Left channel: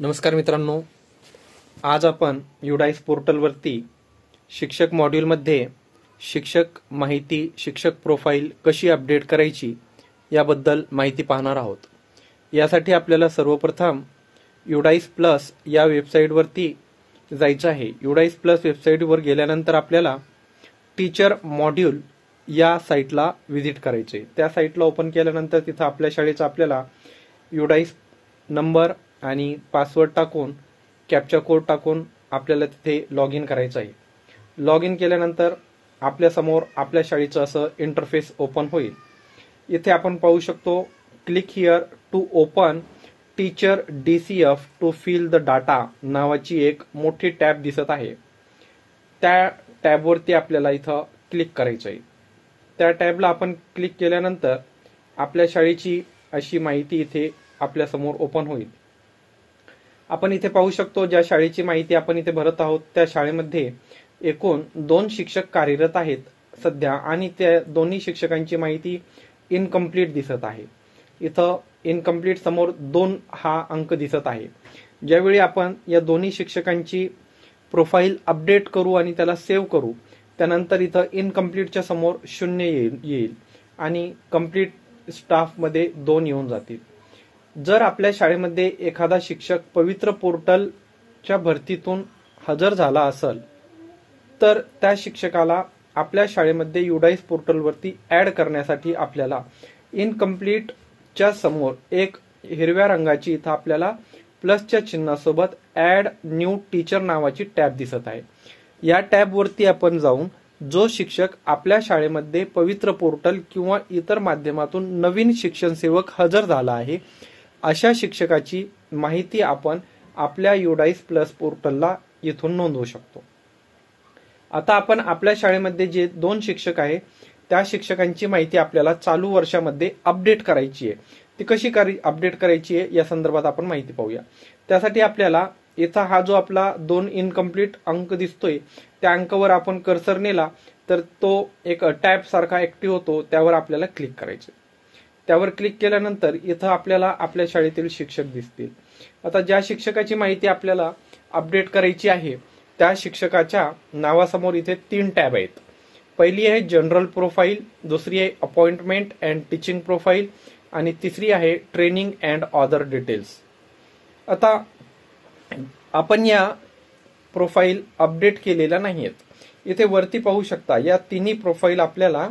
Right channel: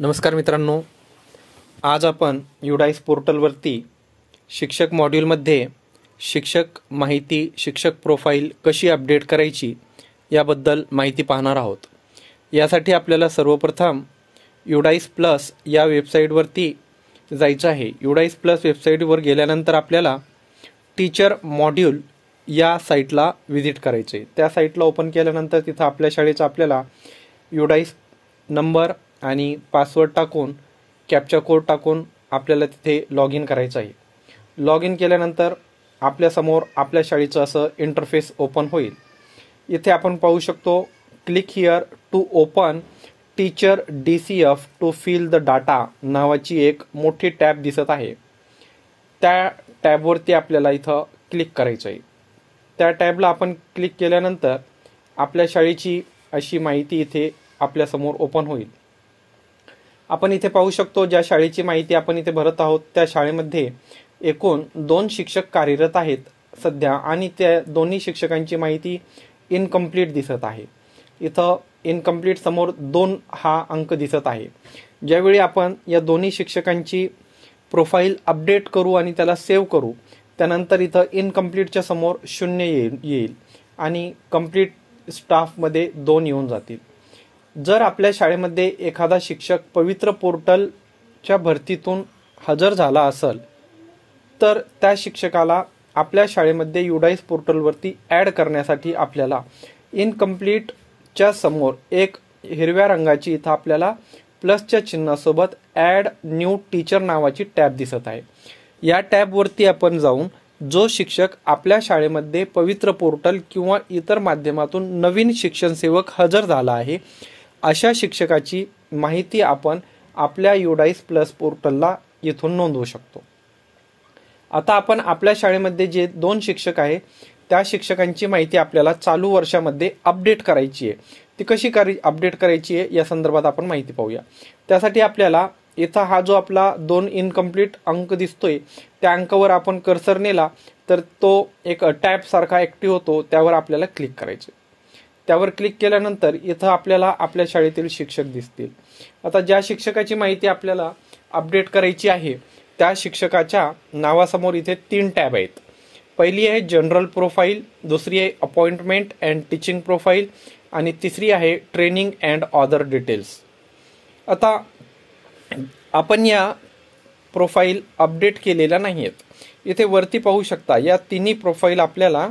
नमस्कार मित्रांनो, आज आपण युडाईस पोर्टलवरती शिक्षक मॉड्यूलमध्ये शिक्षक माहिती, शिक्षक प्रोफाईल कशी अपडेट करायची याबद्दल माहिती पाहणार आहोत। यासाठी आपल्याला सर्वप्रथम युडाईस प्लस या वेबसाईटवरती जायचं आहे। युडाईस प्लस वेबसाईटवर गेल्यानंतर आपल्याला टीचर मॉड्यूल या साईटला व्हिजिट करायचे। त्या साईटला ओपन केल्यानंतर तिथं आपल्या शाळेचा आपल्याला युडाईस नंबर आणि पासवर्ड टाकून कॅप्चा कोड टाकून आपल्याला तिथे लॉग इन करायचं आहे। लॉग इन केल्यानंतर आपल्या समोर आपल्या शाळेचं असं इंटरफेस ओपन होईल। इथे आपण पाहू शकतो click here to open teacher DCF to fill the data नावाची एक मोठी टॅब दिसत आहे। त्या टॅबवरती आपल्याला इथं क्लिक करायचं आहे। त्या टॅबला आपण क्लिक केल्यानंतर आपल्या शाळेची अशी माहिती इथे आपल्या समोर ओपन होईल। आपण इथे पाहू शकतो ज्या शाळेची माहिती आपण इथे भरत आहोत त्या शाळेमध्ये एकूण 2 शिक्षक कार्यरत आहेत सध्या, आणि त्या दोन्ही शिक्षकांची माहिती इनकम्प्लीट दिसत आहे। इथं इनकम्प्लीट समोर 2 हा अंक दिसत आहे। ज्यावेळी आपण या दोन्ही शिक्षकांची प्रोफाईल अपडेट करू आणि त्याला सेव्ह करू, त्यानंतर इथं इनकम्प्लीटच्या समोर 0 येईल आणि कंप्लीट स्टाफमध्ये 2 येऊन जातील। जर आपल्या शाळेमध्ये एखादा शिक्षक पवित्र पोर्टलच्या भरतीतून हजर झाला असेल तर त्या शिक्षकाला आपल्या शाळेमध्ये युडाईस पोर्टलवरती ऍड करण्यासाठी आपल्याला इनकम्प्लीटच्या समोर एक हिरव्या रंगाची इथं आपल्याला प्लसच्या चिन्हासोबत ऍड न्यू टीचर नावाची टॅब दिसत आहे। या टॅबवरती आपण जाऊन जो शिक्षक आपल्या शाळेमध्ये पवित्र पोर्टल किंवा इतर माध्यमातून नवीन शिक्षण सेवक हजर झाला आहे अशा शिक्षकाची माहिती आपण आपल्या युडाईस प्लस पोर्टलला इथून नोंदवू शकतो। आता आपण आपल्या शाळेमध्ये जे 2 शिक्षक आहे त्या शिक्षकांची माहिती आपल्याला चालू वर्षामध्ये अपडेट करायची आहे। ती कशी अपडेट करायची आहे या संदर्भात आपण माहिती पाहूया। त्यासाठी आपल्याला इथं हा जो आपला 2 इनकम्प्लीट अंक दिसतोय त्या अंकावर आपण कर्सर नेला तर तो एक टॅब सारखा ऍक्टिव्ह होतो, त्यावर आपल्याला क्लिक करायचे। त्यावर क्लिक केल्यानंतर इथं आपल्याला आपल्या शाळेतील शिक्षक दिसतील। आता ज्या शिक्षकाची माहिती आपल्याला अपडेट करायची आहे त्या शिक्षकाच्या नावासमोर इथे 3 टॅब आहेत। पहिली आहे जनरल प्रोफाईल, दुसरी आहे अपॉइंटमेंट अँड टीचिंग प्रोफाईल आणि तिसरी आहे ट्रेनिंग अँड अदर डिटेल्स। आता आपण या प्रोफाईल अपडेट केलेल्या नाहीयेत। इथे वरती पाहू शकता या तिन्ही प्रोफाईल आपल्याला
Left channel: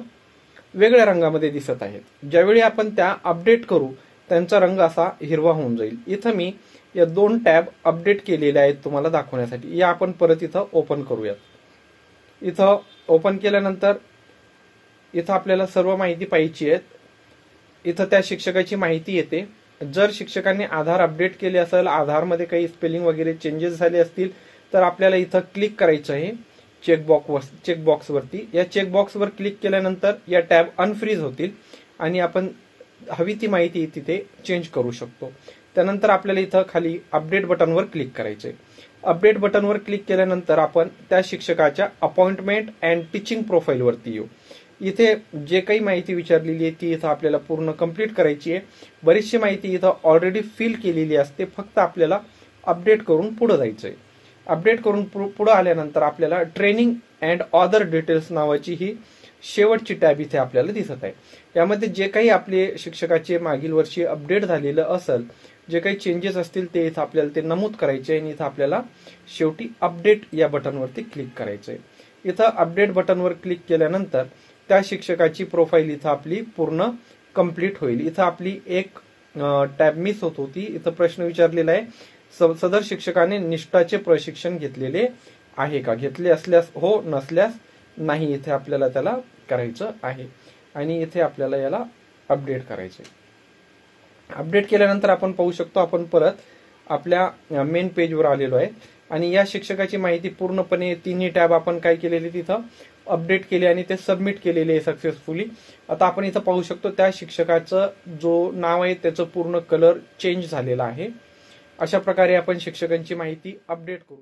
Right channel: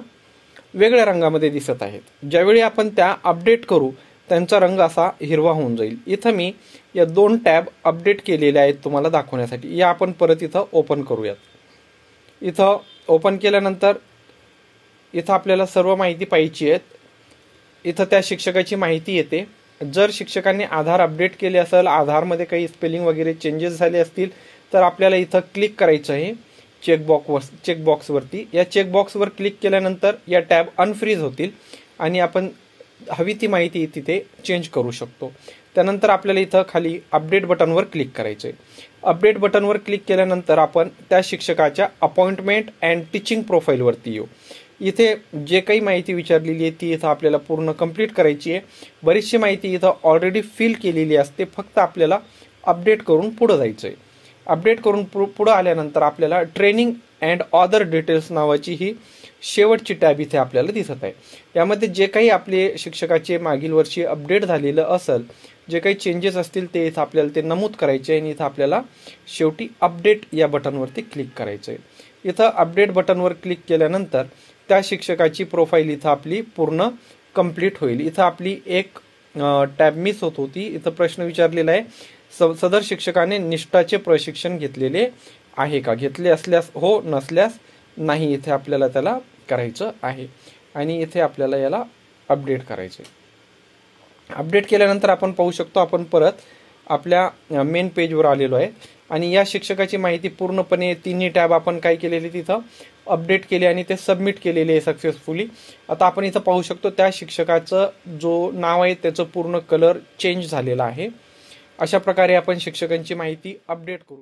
वेगळ्या रंगामध्ये दिसत आहेत। ज्यावेळी आपण त्या अपडेट करू त्यांचा रंग असा हिरवा होऊन जाईल। इथं मी या 2 टॅब अपडेट केलेल्या आहेत तुम्हाला दाखवण्यासाठी। या आपण परत इथं ओपन करूयात। इथं ओपन केल्यानंतर इथं आपल्याला सर्व माहिती पाहिजे आहे। इथं त्या शिक्षकाची माहिती येते। जर शिक्षकांनी आधार अपडेट केले असेल, आधारमध्ये काही स्पेलिंग वगैरे चेंजेस झाले असतील तर आपल्याला इथं क्लिक करायचं आहे चेकबॉक्सवरती। या चेकबॉक्सवर क्लिक केल्यानंतर या टॅब अनफ्रीज होतील आणि आपण हवी ती माहिती तिथे चेंज करू शकतो। त्यानंतर आपल्याला इथं खाली अपडेट बटनवर क्लिक करायचंय। अपडेट बटनवर क्लिक केल्यानंतर आपण त्या शिक्षकाच्या अपॉइंटमेंट अँड टीचिंग प्रोफाईलवरती येऊ। इथे जे काही माहिती विचारलेली आहे ती इथं आपल्याला पूर्ण कंप्लीट करायची आहे। बरीचशी माहिती इथं ऑलरेडी फिल केलेली असते, फक्त आपल्याला अपडेट करून पुढे जायचंय। अपडेट करून पुढे आल्यानंतर आपल्याला ट्रेनिंग अँड अदर डिटेल्स नावाची ही शेवटची टॅब इथे आपल्याला दिसत आहे। यामध्ये जे काही आपले शिक्षकाचे मागील वर्षी अपडेट झालेलं असेल, जे काही चेंजेस असतील ते इथं आपल्याला ते नमूद करायचे आणि इथं आपल्याला शेवटी अपडेट या बटनवरती क्लिक करायचंय। इथं अपडेट बटनवर क्लिक केल्यानंतर त्या शिक्षकाची प्रोफाईल इथं आपली पूर्ण कंप्लीट होईल। इथं आपली एक टॅब मिस होत होती। इथं प्रश्न विचारलेला आहे, सदर शिक्षकाने निष्ठाचे प्रशिक्षण घेतलेले आहे का? घेतले असल्यास हो, नसल्यास नाही, इथे आपल्याला त्याला करायचं आहे आणि इथे आपल्याला याला अपडेट करायचंय। अपडेट केल्यानंतर आपण पाहू शकतो आपण परत आपल्या मेन पेजवर आलेलो आहे आणि या शिक्षकाची माहिती पूर्णपणे तिन्ही टॅब आपण काय केलेली तिथं अपडेट केले आणि ते सबमिट केलेले आहे सक्सेसफुली। आता आपण इथं पाहू शकतो त्या शिक्षकाचं जो नाव आहे त्याचं पूर्ण कलर चेंज झालेला आहे। अशा प्रकारे आपण शिक्षकांची माहिती अपडेट करू शकतो।